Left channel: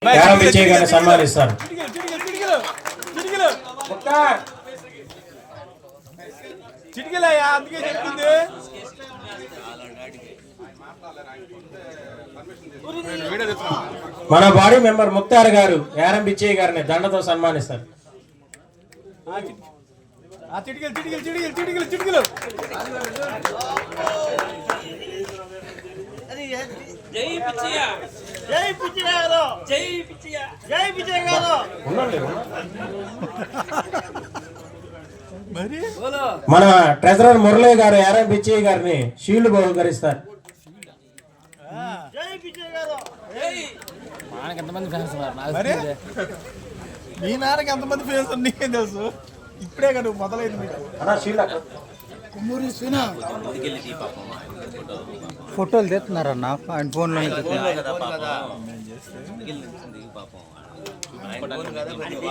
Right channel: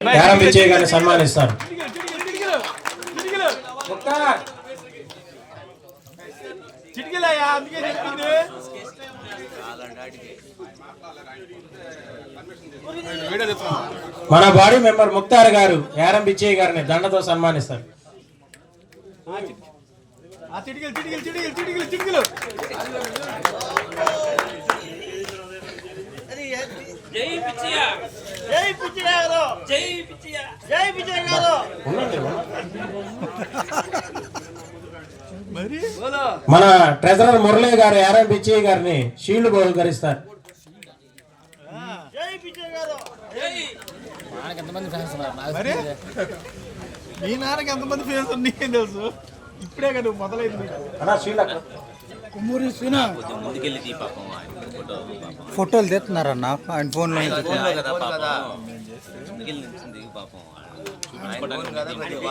యారం విజయ్ గారిని సన్మానిస్తారు. మన body member Mukhtar గారు యారం విజయ్ గారిని దండతో సన్మానిస్తారు. మన ట్రెజరర్ మురళీ గారు యారం విజయ్ గారిని షీల్డ్ బహుకరిస్తారు. మీ నాన్నకి ఎంతమంది ఫ్రెండ్స్ నీకేం తెలుసు? ఇప్పుడే కదా మొదలైంది. ఫోటోలు తెస్తున్నారన్న ఆయన ఫోన్లోనే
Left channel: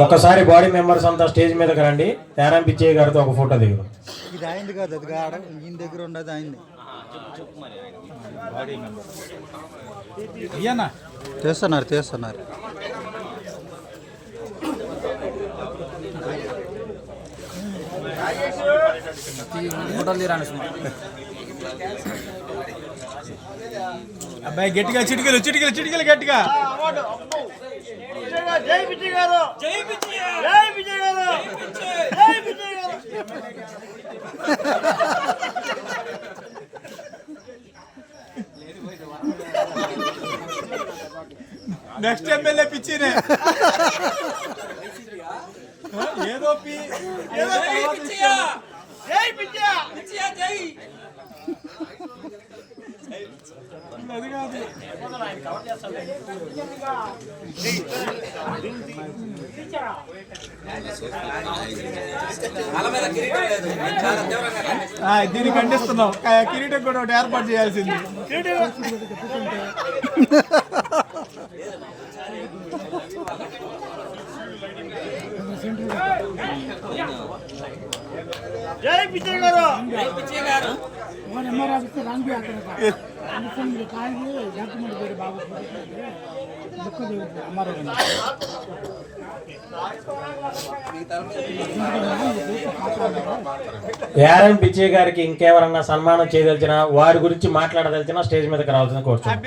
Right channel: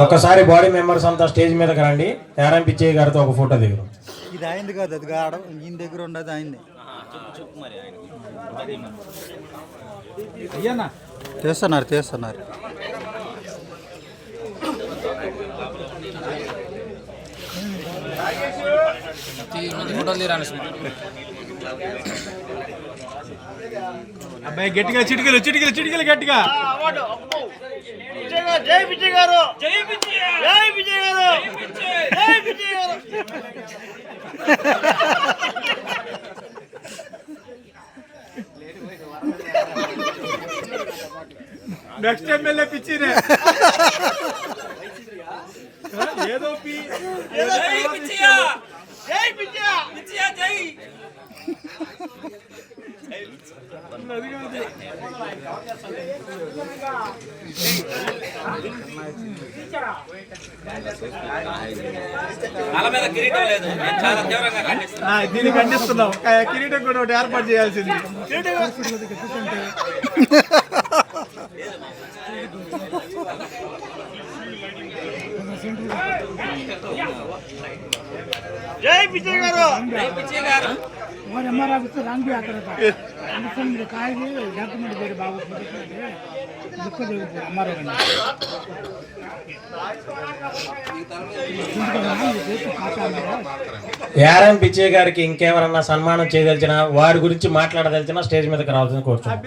ఒకసారి బాడీ మెంబర్స్ అంతా స్టేజ్ మీదకి రండి. యారం విజయ్ గారితో ఒక ఫోటో దిగు. ఇది అయింది కాదు, అది కావడం ఈయన దగ్గర ఉండదు అయింది. తీస్తున్నారు తీస్తున్నారు. అబ్బాయి గట్టిగా చిటికలు చిటికలు చిటికలు గట్టిగా. జై విజయ్ గారు, జై విజయ్, జై విజయ్ గారు, జై విజయ్ గారు. నెక్స్ట్ ఎమ్మెల్యే పిచ్చినే ఏదో పి జై విజయ్, జై విజయ్, విజయ్ జై. దీన్ని ఖండిస్తున్నాం. కిరీటం కూడా ఒకటి ఏర్పాటు చేయాల్సింది. జై విజయ్ గారు, జై విజయ్ గారు. యారం విజయ్ గారికి ఇంకెవరన్నా సన్మానం చేయదలిచినా వారి గురించి మాట్లాడదలిచినా స్టేజ్ మీదకి రావాల్సింది కోరుతున్నాను.